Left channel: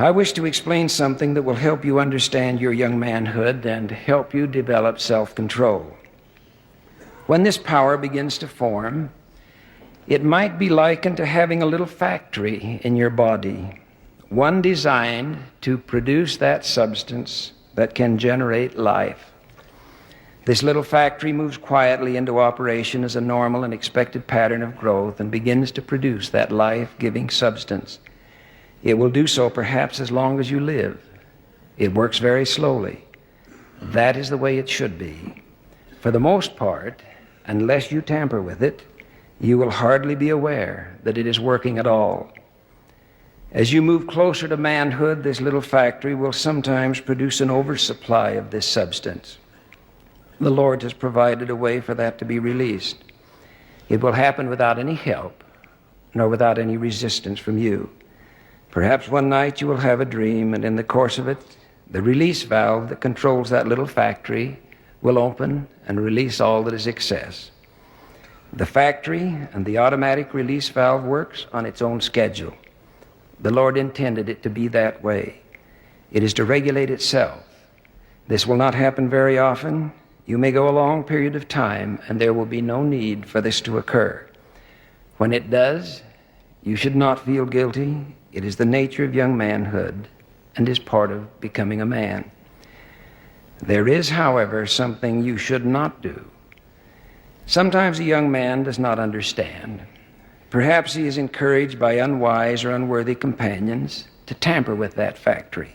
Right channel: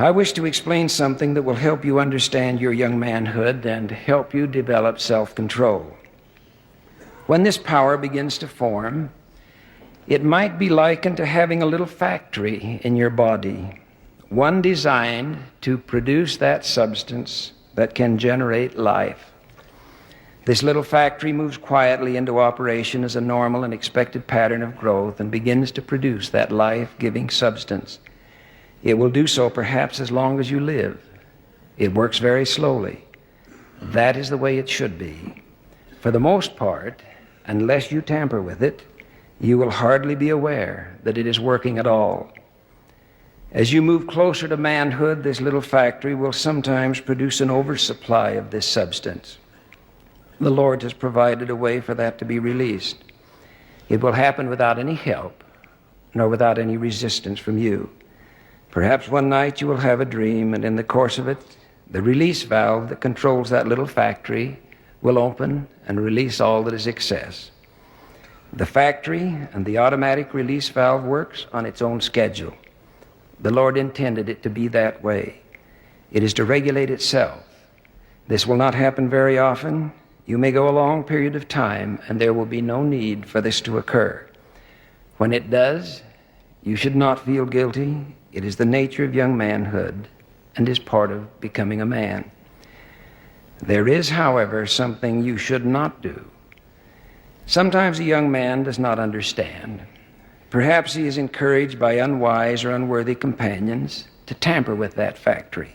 I wish to explain something that will help you understand your young manhood and help you develop self-control. When this power begins to form, it might be likened to having a little factory in your body, one designed to produce that substance that can generate life. This little factory moves quietly into operation as a normal and expected pattern of growth and begins to produce that life-giving substance. It will do so perhaps as long as you live. It works very slowly. That is the way it should be. For the most part, unless you tamper with it, you will hardly be aware that it is working at all. As you move closer to manhood, this little factory will sometimes produce an oversupply of this substance. The Lord has provided a way for that to be released. It will happen without any help, nor without any resistance from you. Perhaps one night you will have a dream, and in the course of it, the release valve that controls that little factory will open and release all that is excess. The factory and the automatic release valve works on its own schedule. The Lord intended it to be that way. It is to regulate itself. This will not happen very often. You may go a long period of time, and there will be no need for this to occur. When it does, you should not feel guilty. It is the nature of young manhood and is part of becoming a man. There is, however, something you should not do. Sometimes a young man does not understand. Perhaps he is encouraged by unwise or unworthy companions to tamper with that factory.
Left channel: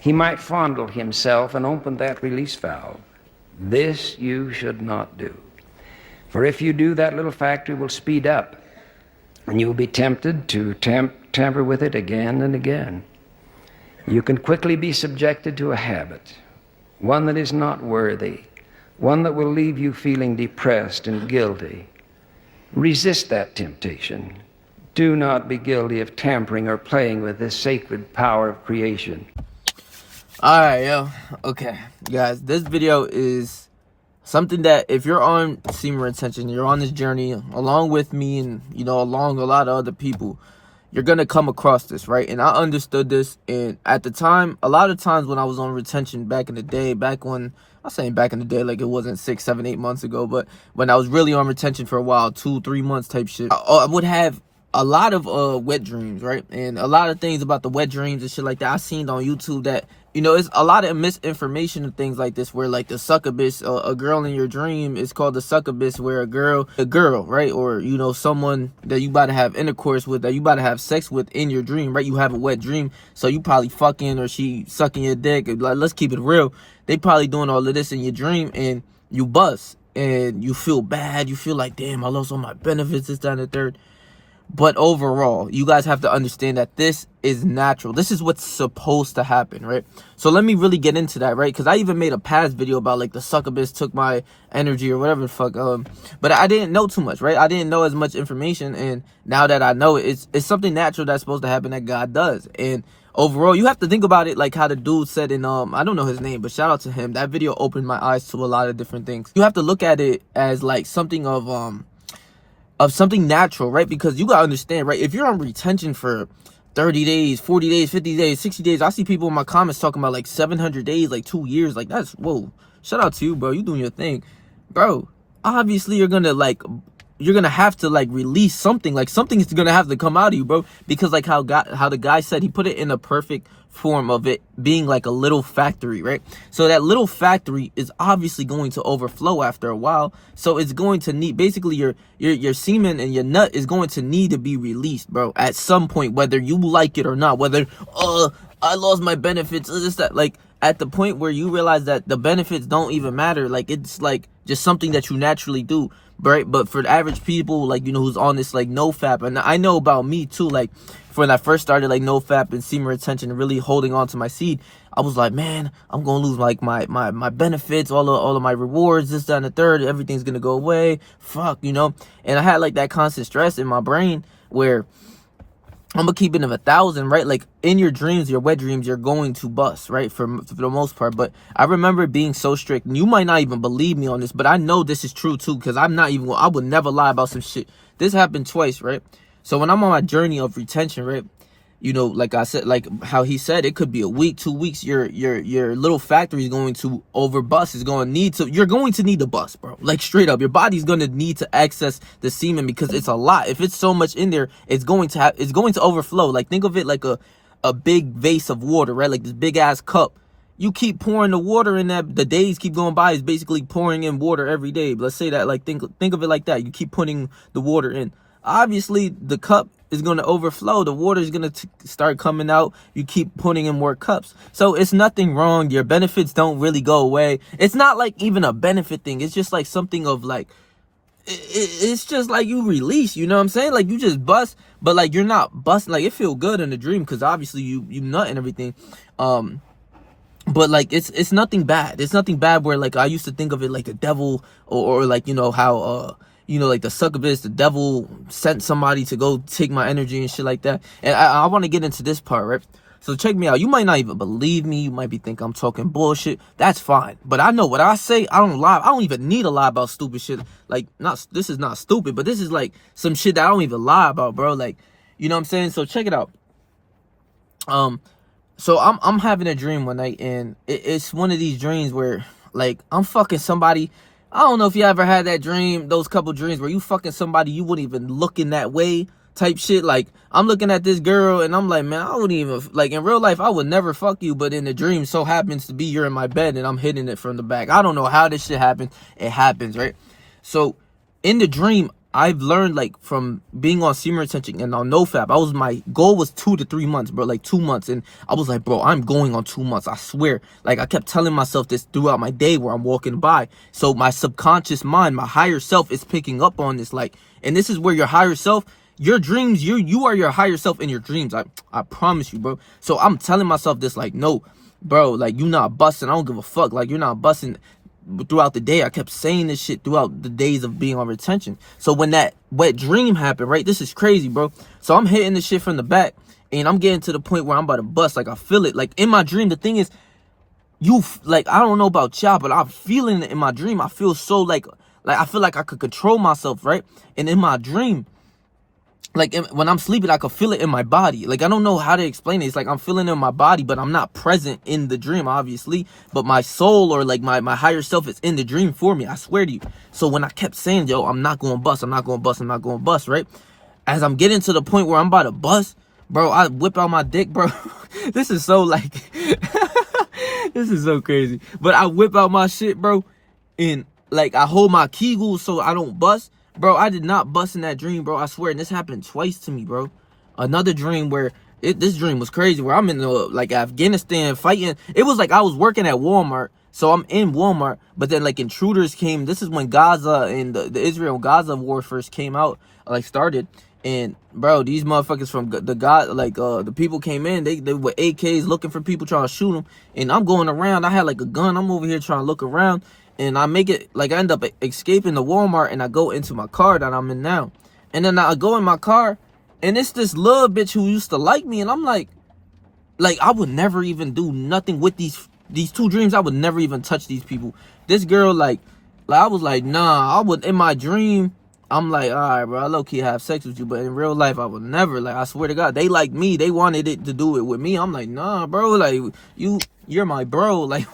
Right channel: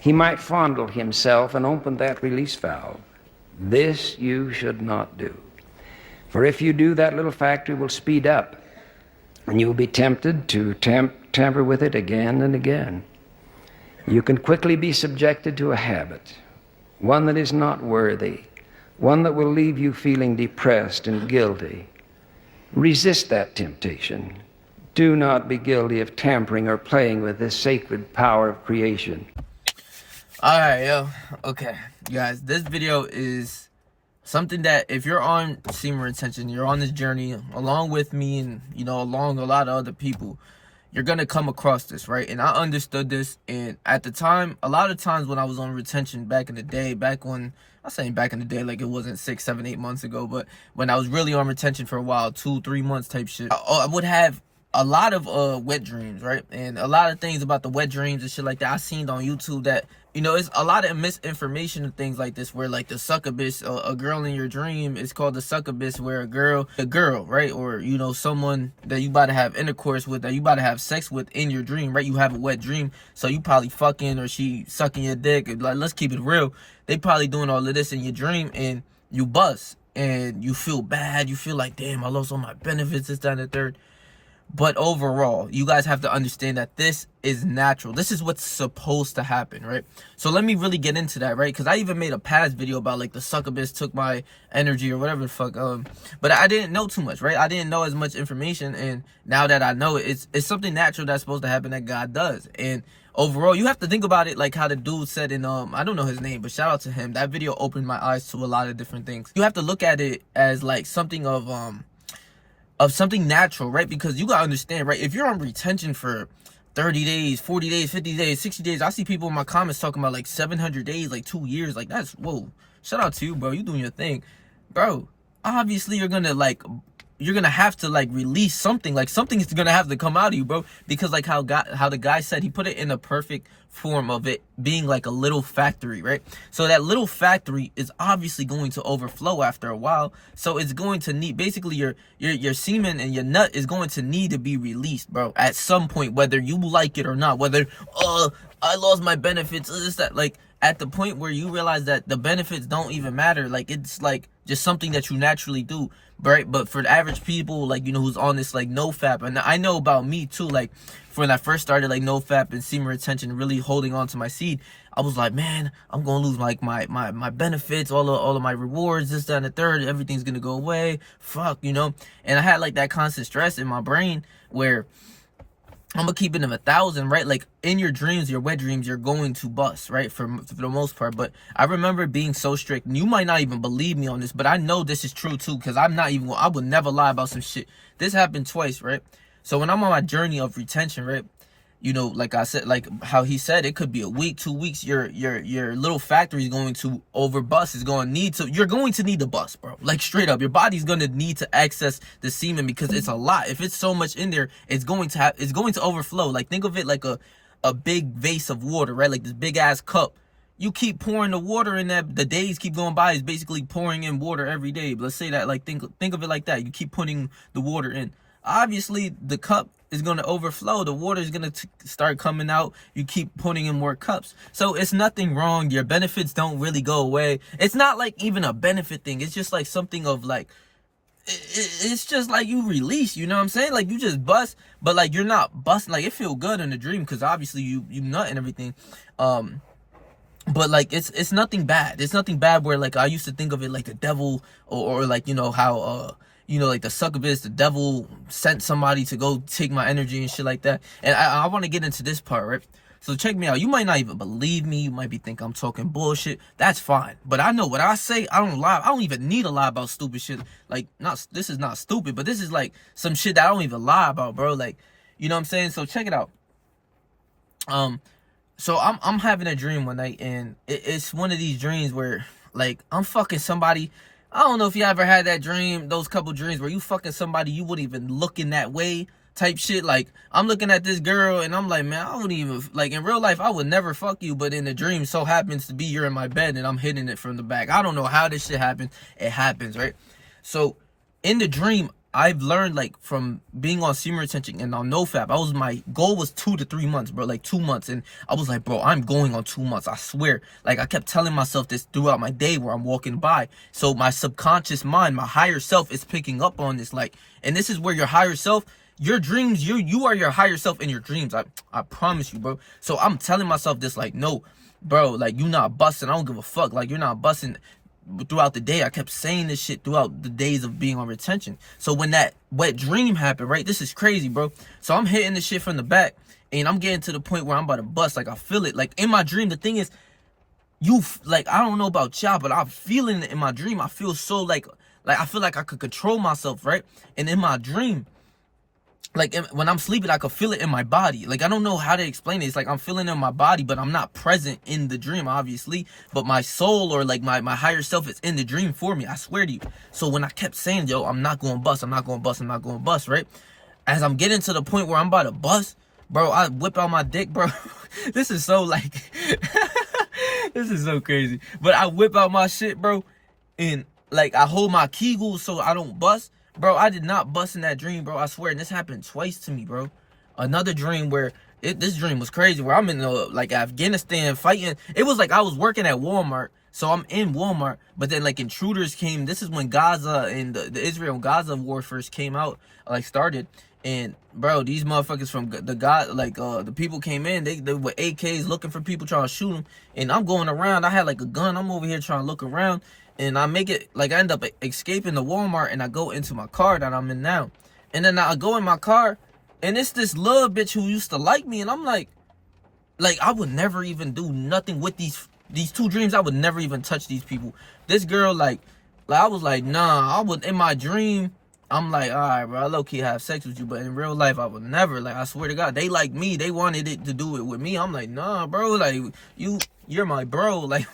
He might fondle himself and open that release valve. This you should not do. For if you do, that little factory will speed up, and you will be tempted to tamper with it again and again. You can quickly be subjected to a habit, one that is not worthy, one that will leave you feeling depressed and guilty. Resist that temptation. Do not be guilty of tampering or playing with this sacred power of creation. All right, yo. Okay, guys, this video is something that if you're on semen retention, you're on this journey along with me and, along a lot of other people, you're going to come across this, right? And I understood this. And at the time, a lot of times when I was on retention back in the day, I'm saying back in the day, like it wasn't 6, 7, 8 months ago, but when I was really on retention for a while, 2, 3 months type shit, I would have a lot of wet dreams, right? And a lot of things about the wet dreams and shit like that I seen on YouTube that, it's a lot of misinformation and things like this where like the succubus, a girl in your dream is called the succubus, where a girl, right? Or, someone that you about to have intercourse with, that you about to have sex with in your dream, right? You have a wet dream, so you probably fucking or she sucking your dick. Like, let's keep it real. They probably doing all of this in your dream and you bust and you feel bad. You feel like, damn, I lost all my benefits, this, that, and the third. But overall, you guys have to understand that this is natural. This is what's supposed to happen, right? So let me really get into that, right? Because I even made a past video about like the succubus took my energy or whatever the fuck. But I didn't know too much, right? I didn't know as much information. And now that I know it, it's something natural that's supposed to happen that God does. And overall, you have to think about it like how the dude said in, I don't know his name, but shout out to him. That video opened my eyes to a lot of different things. You have to look at it as like something of something natural, right? Because you gotta understand, right? If you're on retention for 30 days, 40 days, 50 days, 60 days, I see people in my comments talking about like 700 days, like 2 years. Like, that's, whoa, shout out to you, bro. You doing your thing, bro. Obviously you're gonna have to like release something. Like, something's gonna have to come out of you, bro. Because like how the guy said, he put it in a perfect form of it being like a little factory, right? So that little factory is obviously going to overflow after a while. So it's going to need, basically your semen and your nut is going to need to be released, bro, at some point, whether you like it or not, whether I lost my benefits, this, that. Like, at the point where you realize that the benefits don't even matter, like it's like just something that you naturally do, right? But for the average people, like, who's on this like no fap, and I know about me too, like when I first started like no fap and semen retention and really holding on to my seed, I was like, man, I'm gonna lose like my benefits, all of my rewards, this, that, and the third, everything's gonna go away, fuck, and I had like that constant stress in my brain where I'm gonna keep it of 1,000, right? Like in your dreams, your wet dreams, you're going to bust, right? For the most part. But I remember being so strict, and you might not even believe me on this, but I know this is true too, because I would never lie about some shit. This happened twice, right? So when I'm on my journey of retention, right, you know, like I said, like how he said, it could be a week, 2 weeks. Your little factory is going to overbust. Is going to need to. You're going to need the bust, bro. Like straight up, your body's going to need to access the semen because it's a lot. If it's so much in there, it's going to overflow. Like think of it like a big vase of water, right? Like this big ass cup. You keep pouring the water in that, the days keep going by. It's basically pouring in water every day. Let's say that, like think of it like that. You keep putting the water in. Obviously, the cup is going to overflow. The water is going to start coming out. You keep putting in more cups. So it's nothing wrong. Your benefits don't really go away. It's not like even a benefit thing. It's just like something of like, it's just like you release, you know what I'm saying? Like you just bust, but like you're not busting. Like it feel good in the dream because obviously you nut and everything. But like it's nothing bad. It's nothing bad where like I used to think of it like the devil or like, you know, how you know, like the succubus, the devil sent somebody to go take my energy and shit like that. And I want to get into this part, right? So check me out. You might not even believe me. You might be thinking I'm talking bullshit. That's fine. But I know what I say. I don't lie. I don't even need to lie about stupid shit. Like, this is not stupid, but this is like some shit that I don't even lie about, bro. Like, you know what I'm saying? So check it out. So I'm having a dream one night, and it's one of these dreams where like I'm fucking somebody. I don't know if you ever had that dream, those couple dreams where you fucking somebody you wouldn't even look in that way type shit. Like I'm looking at this girl and I'm like, man, I wouldn't even, like in real life I would never fuck you, but in the dream so happens to be you're in my bed and I'm hitting it from the back. I don't know how this shit happens. It happens, right? So in the dream, I've learned like from being on semen retention and on NoFap, my goal was 2 to 3 months, bro, like 2 months. And I was like, bro, I'm going on 2 months. I swear. Like I kept telling myself this throughout my day where I'm walking by. So my subconscious mind, my higher self is picking up on this. Like, and this is where your higher self, your dreams, you are your higher self in your dreams. I promise you, bro. So I'm telling myself this, like, no, bro, like you not busting. I don't give a fuck. Like you're not busting. Throughout the day, I kept saying this shit throughout the days of being on retention. So when that wet dream happened, right, this is crazy, bro. So I'm hitting the shit from the back and I'm getting to the point where I'm about to bust. Like I feel it. Like in my dream, the thing is, like I don't know about y'all, but I'm feeling it in my dream. I feel so like I feel like I could control myself, right? And in my dream, like when I'm sleeping, I could feel it in my body. Like I don't know how to explain it. It's like I'm feeling it in my body, but I'm not present in the dream, obviously. But my soul or like my higher self is in the dream for me. I swear to you. So when I kept saying, yo, I'm not going to bust, I'm not going to bust, I'm not going to bust, right? As I'm getting to the point where I'm about to bust, bro, I whip out my dick, bro. This is so like, this is so crazy. But I whip out my shit, bro, and like I hold my kegels so I don't bust. Bro, I did not bust in that dream, bro. I swear. And this happened twice to me, bro. Another dream where this dream was crazy, where I'm in like Afghanistan fighting. It was like I was working at Walmart. So I'm in Walmart, but then like intruders came. This is when Gaza and the Israel-Gaza war first came out, like started. And bro, these motherfuckers from the people came in. They were AKs looking for people, trying to shoot them. And I'm going around. I had like a gun. I'm over here trying to look around. And I make it, like I end up escaping the Walmart and I go into my car that I'm in now. And then I go in my car and it's this little bitch who used to like me. And I'm like I would never even do nothing with these 2 dreams. I would never even touch these people. This girl, like I was like, nah, in my dream, I'm like, all right, bro, I low-key have sex with you, but in real life, I would never. Like, I swear to God, they like me. They wanted it to do it with me. I'm like, nah, bro, like, you're my bro. Like,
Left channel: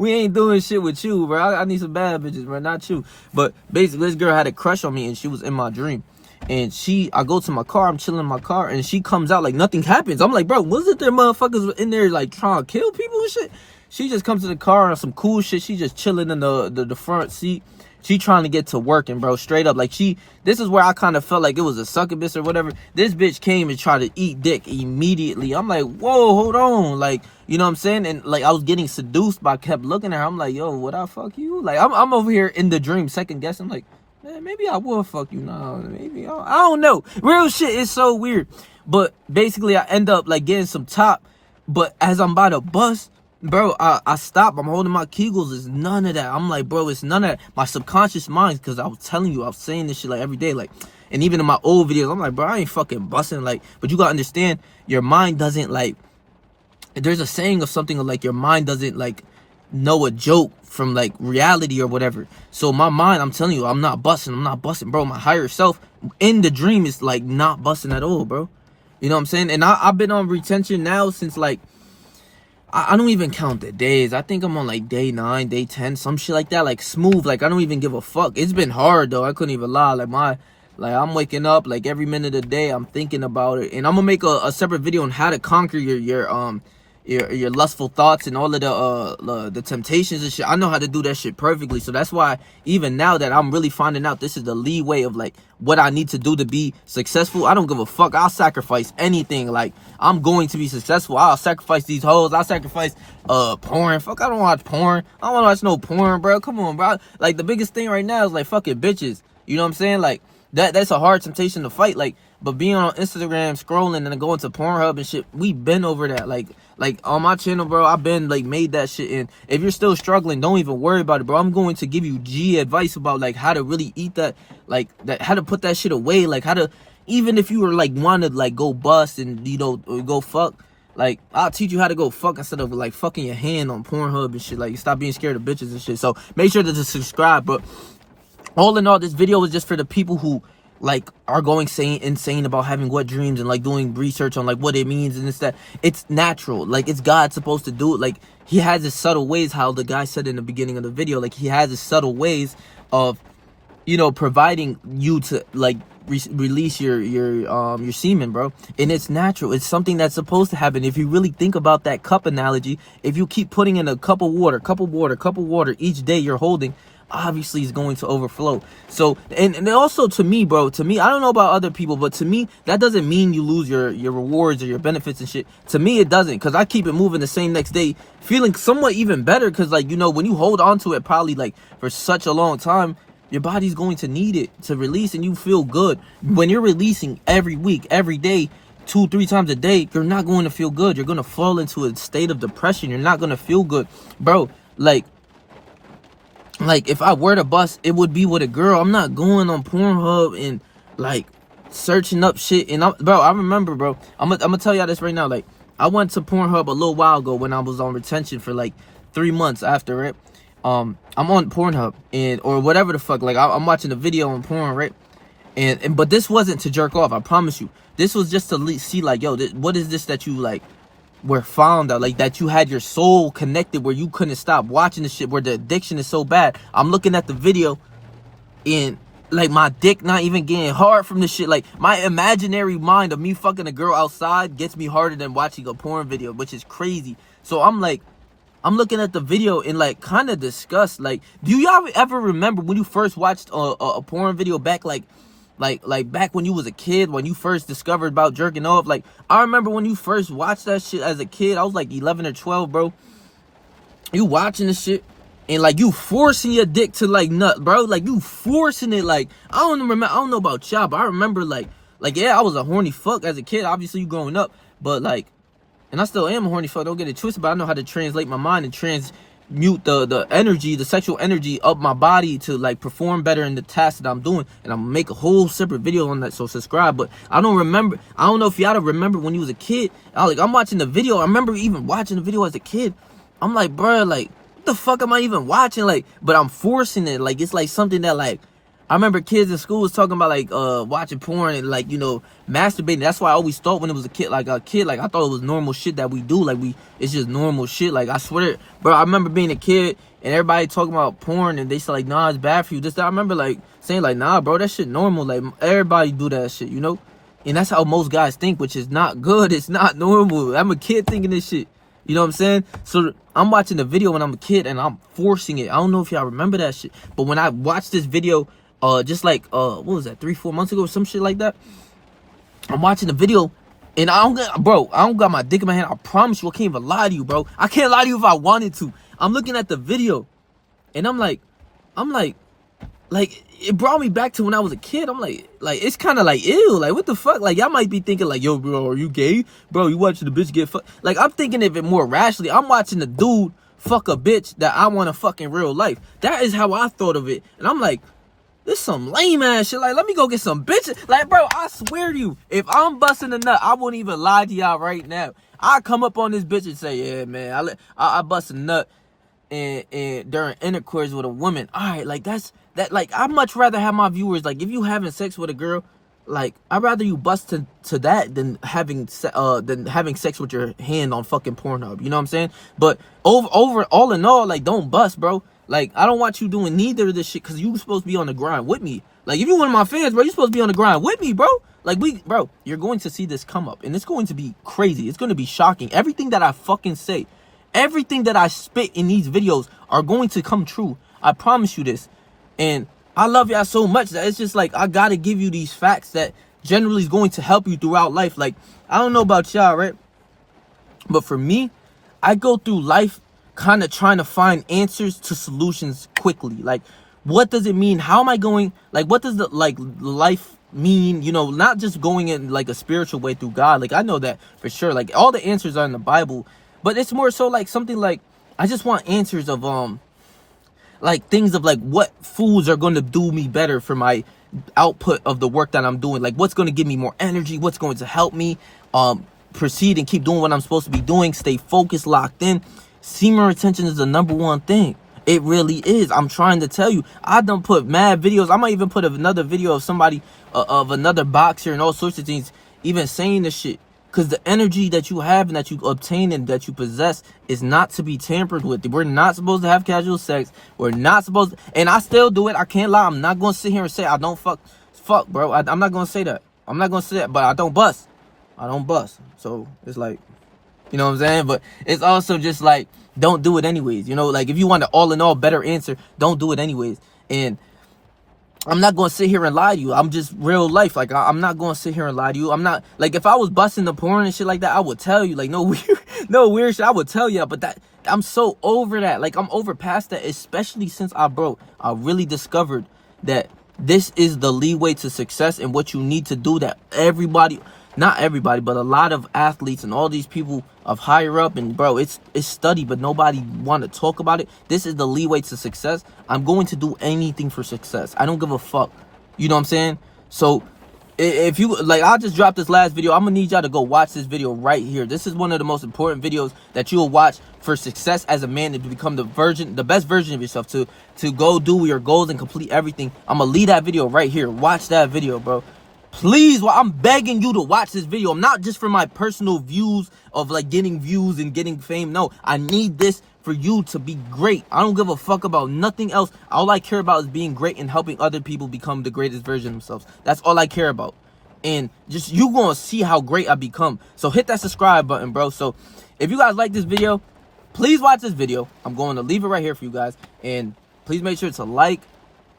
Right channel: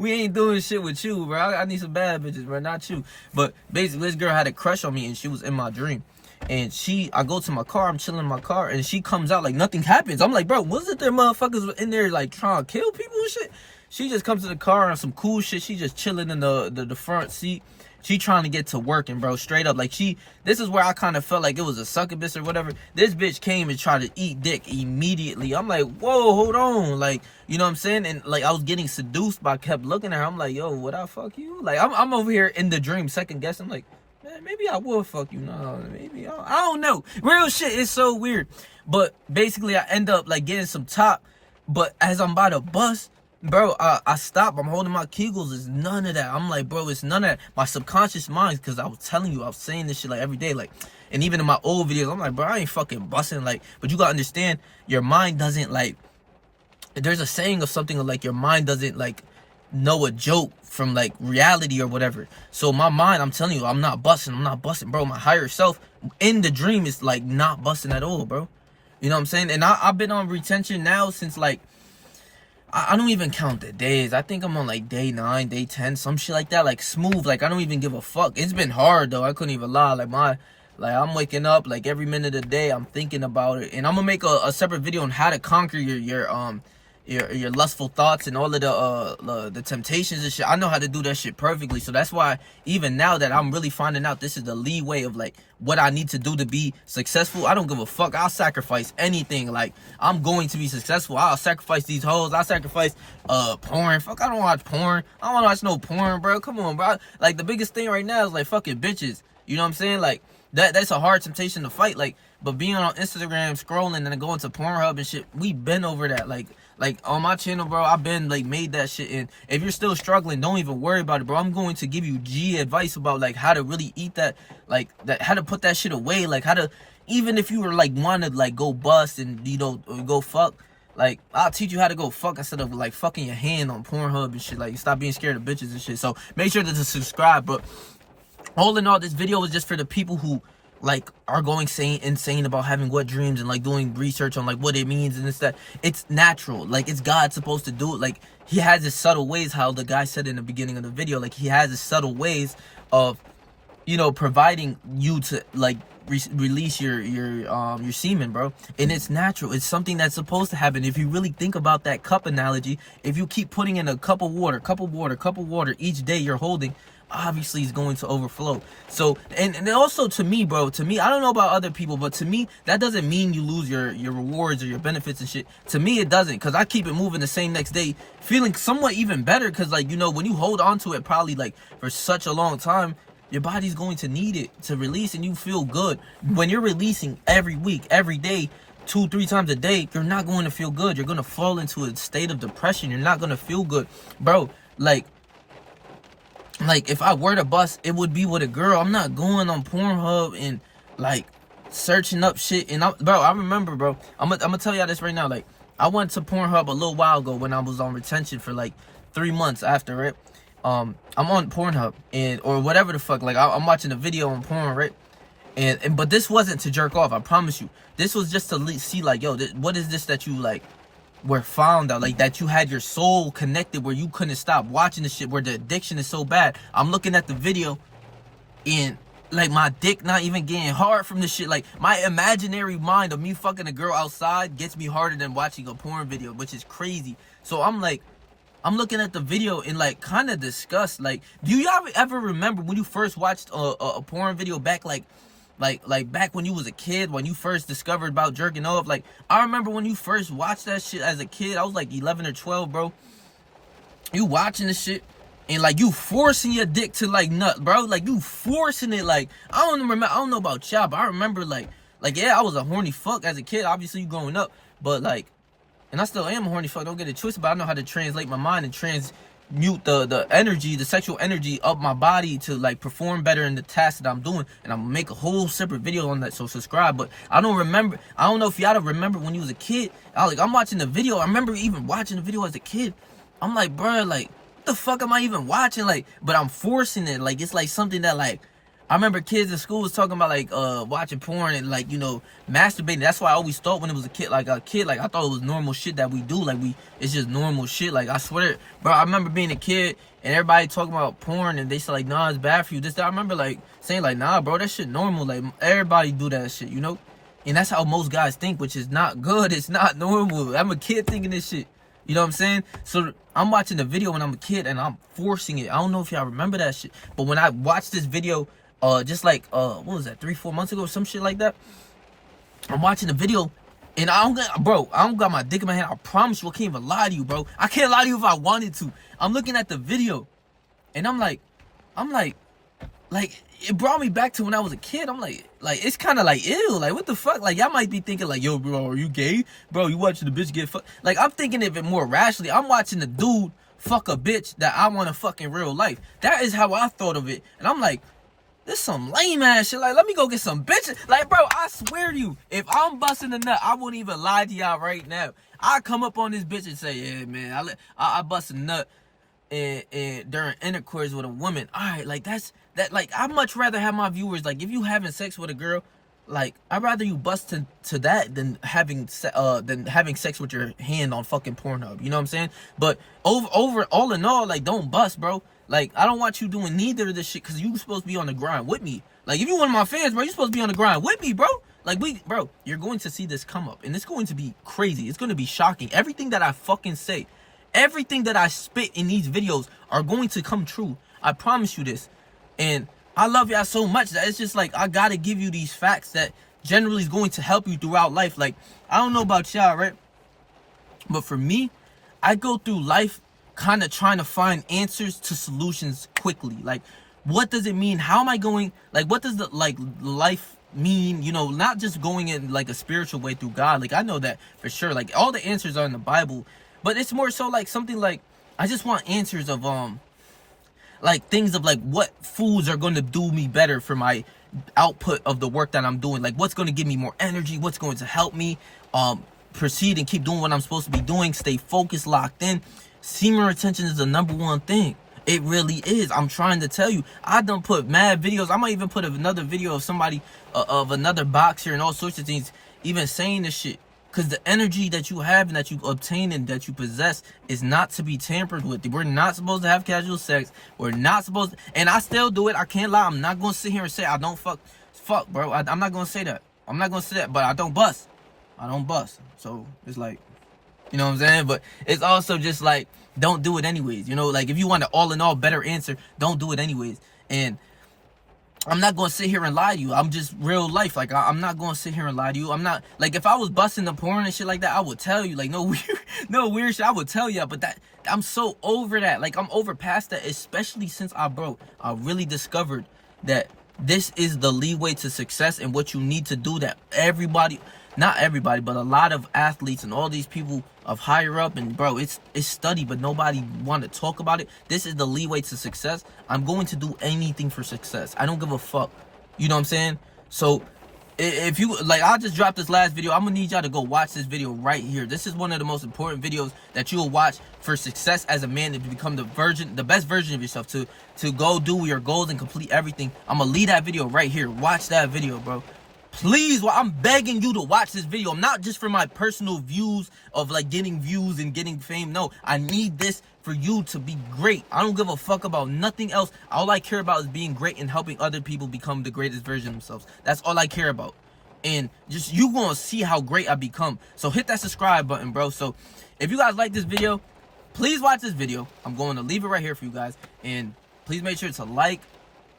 we ain't doing shit with you, bro. I need some bad bitches, bro, not you. But basically, this girl had a crush on me, and she was in my dream. And I go to my car, I'm chilling in my car, and she comes out like nothing happens. I'm like, bro, wasn't there motherfuckers in there, like, trying to kill people and shit? She just comes to the car on some cool shit. She just chilling in the front seat. She trying to get to working, bro, straight up. Like this is where I kind of felt like it was a succubus or whatever. This bitch came and tried to eat dick immediately. I'm like, whoa, hold on. Like, you know what I'm saying? And like I was getting seduced, but I kept looking at her. I'm like, yo, would I fuck you? Like I'm over here in the dream, second guessing. Like, man, maybe I will fuck you. No, maybe I don't know. Real shit is so weird. But basically I end up like getting some top. But as I'm about to bust, bro, I stop. I'm holding my kegels. It's none of that. I'm like, bro, it's none of that. My subconscious mind, because I was telling you, I was saying this shit like every day. Like, and even in my old videos, I'm like, bro, I ain't fucking busting. Like, but you gotta understand, your mind doesn't like, there's a saying of something like your mind doesn't like know a joke from like reality or whatever. So my mind, I'm telling you, I'm not busting, bro. My higher self in the dream is like not busting at all, bro. You know what I'm saying? And I've been on retention now since like, I don't even count the days. I think I'm on like day 9, day 10, some shit like that. Like smooth. Like I don't even give a fuck. It's been hard though. I couldn't even lie. Like I'm waking up like every minute of the day. I'm thinking about it, and I'm gonna make a separate video on how to conquer your lustful thoughts and all of the temptations and shit. I know how to do that shit perfectly. So that's why even now that I'm really finding out this is the leeway of like what I need to do to be successful, I don't give a fuck. I'll sacrifice anything. Like I'm going to be successful. I'll sacrifice these hoes. I'll sacrifice porn. Fuck, I don't watch porn. I don't want to watch no porn, bro. Come on, bro. Like the biggest thing right now is like fucking bitches. You know what I'm saying? Like that's a hard temptation to fight. Like, but being on Instagram scrolling and then going to Pornhub and shit, we been over that. Like on my channel, bro, I've been like made that shit. And if you're still struggling, don't even worry about it, bro. I'm going to give you G advice about like how to really eat that, like that, how to put that shit away, like how to, even if you were like want to like go bust and you know go fuck, like I'll teach you how to go fuck instead of like fucking your hand on Pornhub and shit. Like stop being scared of bitches and shit. So make sure to subscribe. But all in all, this video is just for the people who like are going insane about having wet dreams and like doing research on like what it means and it's that it's natural. Like it's God supposed to do it. Like he has his subtle ways, how the guy said in the beginning of the video, like he has his subtle ways of, you know, providing you to like release your semen, bro. And it's natural. It's something that's supposed to happen. If you really think about that cup analogy, if you keep putting in a cup of water each day you're holding, obviously it's going to overflow. So and also to me, bro, I don't know about other people, but to me that doesn't mean you lose your rewards or your benefits and shit. To me it doesn't, because I keep it moving the same next day, feeling somewhat even better, because like, you know, when you hold on to it probably like for such a long time, your body's going to need it to release and you feel good. When you're releasing every week, every day, 2-3 times a day, you're not going to feel good. You're going to fall into a state of depression. You're not going to feel good, bro. Like if I were to bust, it would be with a girl. I'm not going on Pornhub and like searching up shit. And bro, I remember, bro, I'm gonna tell y'all this right now. Like I went to Pornhub a little while ago when I was on retention for like 3 months after it. I'm on Pornhub and or whatever the fuck. Like I'm watching a video on porn, right? And but this wasn't to jerk off. I promise you. This was just to see like, yo, what is this that you like were found out, like that you had your soul connected where you couldn't stop watching the shit, where the addiction is so bad. I'm looking at the video and like my dick not even getting hard from this shit. Like my imaginary mind of me fucking a girl outside gets me harder than watching a porn video, which is crazy. So I'm like, I'm looking at the video and like kind of disgust. Like, do y'all ever remember when you first watched a porn video back like back when you was a kid, when you first discovered about jerking off? Like I remember when you first watched that shit as a kid, I was like 11 or 12, bro. You watching this shit and like you forcing your dick to like nut, bro. Like you forcing it. Like I don't know about y'all, but I remember like yeah, I was a horny fuck as a kid. Obviously you growing up, but like, and I still am a horny fuck, don't get it twisted, but I know how to translate my mind and transmute the energy, the sexual energy of my body to like perform better in the task that I'm doing. And I'm gonna make a whole separate video on that, so subscribe. But I don't know if y'all remember when you was a kid. I'm watching the video. I remember even watching the video as a kid. I'm like, bro, like what the fuck am I even watching? Like, but I'm forcing it. Like it's like something that like, I remember kids in school was talking about like watching porn and like, you know, masturbating. That's why I always thought when it was a kid, like I thought it was normal shit that we do. Like it's just normal shit. Like I swear, bro, I remember being a kid and everybody talking about porn and they said like, nah, it's bad for you. This, that. I remember like saying like, nah, bro, that shit normal. Like everybody do that shit, you know? And that's how most guys think, which is not good. It's not normal. I'm a kid thinking this shit. You know what I'm saying? So I'm watching the video when I'm a kid and I'm forcing it. I don't know if y'all remember that shit. But when I watched this video, just like what was that, 3-4 months ago or some shit like that, I'm watching the video and I don't got my dick in my hand. I promise you, I can't even lie to you, bro. I can't lie to you if I wanted to. I'm looking at the video and I'm like it brought me back to when I was a kid. I'm like it's kind of like ew, like what the fuck? Like y'all might be thinking like, yo, bro, are you gay? Bro, you watching the bitch get fucked? Like I'm thinking of it more rationally. I'm watching the dude fuck a bitch that I want to fuck in real life. That is how I thought of it. And I'm like, this some lame ass shit. Like, let me go get some bitches. Like, bro, I swear to you, if I'm busting a nut, I won't even lie to y'all right now. I come up on this bitch and say, yeah, man, I bust a nut and during intercourse with a woman. All right, like that. Like, I'd much rather have my viewers, like, if you having sex with a girl, like, I'd rather you bust to that than having sex with your hand on fucking Pornhub. You know what I'm saying? But over all in all, like, don't bust, bro. Like, I don't want you doing neither of this shit, because you supposed to be on the grind with me. Like, if you one of my fans, bro, you supposed to be on the grind with me, bro. Like, bro, you're going to see this come up, and it's going to be crazy. It's going to be shocking. Everything that I fucking say, everything that I spit in these videos are going to come true. I promise you this. And I love y'all so much that it's just like, I gotta give you these facts that generally is going to help you throughout life. Like, I don't know about y'all, right? But for me, I go through life kind of trying to find answers to solutions quickly. Like, what does it mean? How am I going? Like, what does the life mean? You know, not just going in like a spiritual way through God. Like, I know that for sure. Like, all the answers are in the Bible, but it's more so like something like, I just want answers of like things of like what foods are going to do me better for my output of the work that I'm doing. Like, what's going to give me more energy, what's going to help me proceed and keep doing what I'm supposed to be doing, stay focused, locked in. Semen retention is the #1 thing. It really is. I'm trying to tell you. I done put mad videos. I might even put another video of somebody of another boxer and all sorts of things even saying this shit. Because the energy that you have and that you obtain and that you possess is not to be tampered with. We're not supposed to have casual sex. We're not supposed to, and I still do it. I can't lie. I'm not going to sit here and say I don't fuck, bro. I'm not going to say that. I'm not going to say that, but I don't bust. I don't bust. So it's like, you know what I'm saying? But it's also just like, don't do it anyways. You know, like, if you want an all in all better answer, don't do it anyways. And I'm not going to sit here and lie to you. I'm just real life. Like, I'm not going to sit here and lie to you. I'm not, like, if I was busting the porn and shit like that, I would tell you. Like, no weird shit. I would tell you. But that, I'm so over that. Like, I'm over past that, especially since I really discovered that this is the leeway to success and what you need to do, that everybody, not everybody, but a lot of athletes and all these people of higher up, and bro, it's studied, but nobody want to talk about it. This is the leeway to success. I'm going to do anything for success. I don't give a fuck. You know what I'm saying? So if you like, I'll just drop this last video. I'm gonna need y'all to go watch this video right here. This is one of the most important videos that you'll watch for success as a man, to become the best version of yourself, to go do your goals and complete everything. I'm gonna leave that video right here. Watch that video, bro. Please, I'm begging you to watch this video. I'm not just for my personal views of like getting views and getting fame. No, I need this for you to be great. I don't give a fuck about nothing else. All I care about is being great and helping other people become the greatest version of themselves. That's all I care about. And just, you gonna see how great I become. So hit that subscribe button, bro. So if you guys like this video, please watch this video. I'm going to leave it right here for you guys. And please make sure to like,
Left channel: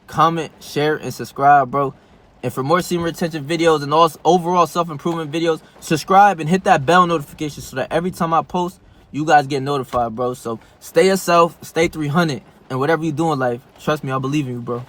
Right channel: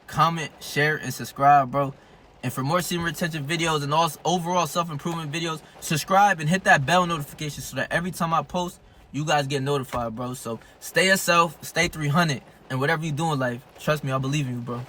comment, share, and subscribe, bro. And for more semen retention videos and all overall self-improvement videos, subscribe and hit that bell notification so that every time I post, you guys get notified, bro. So stay yourself, stay 300, and whatever you do in life, trust me, I believe in you, bro.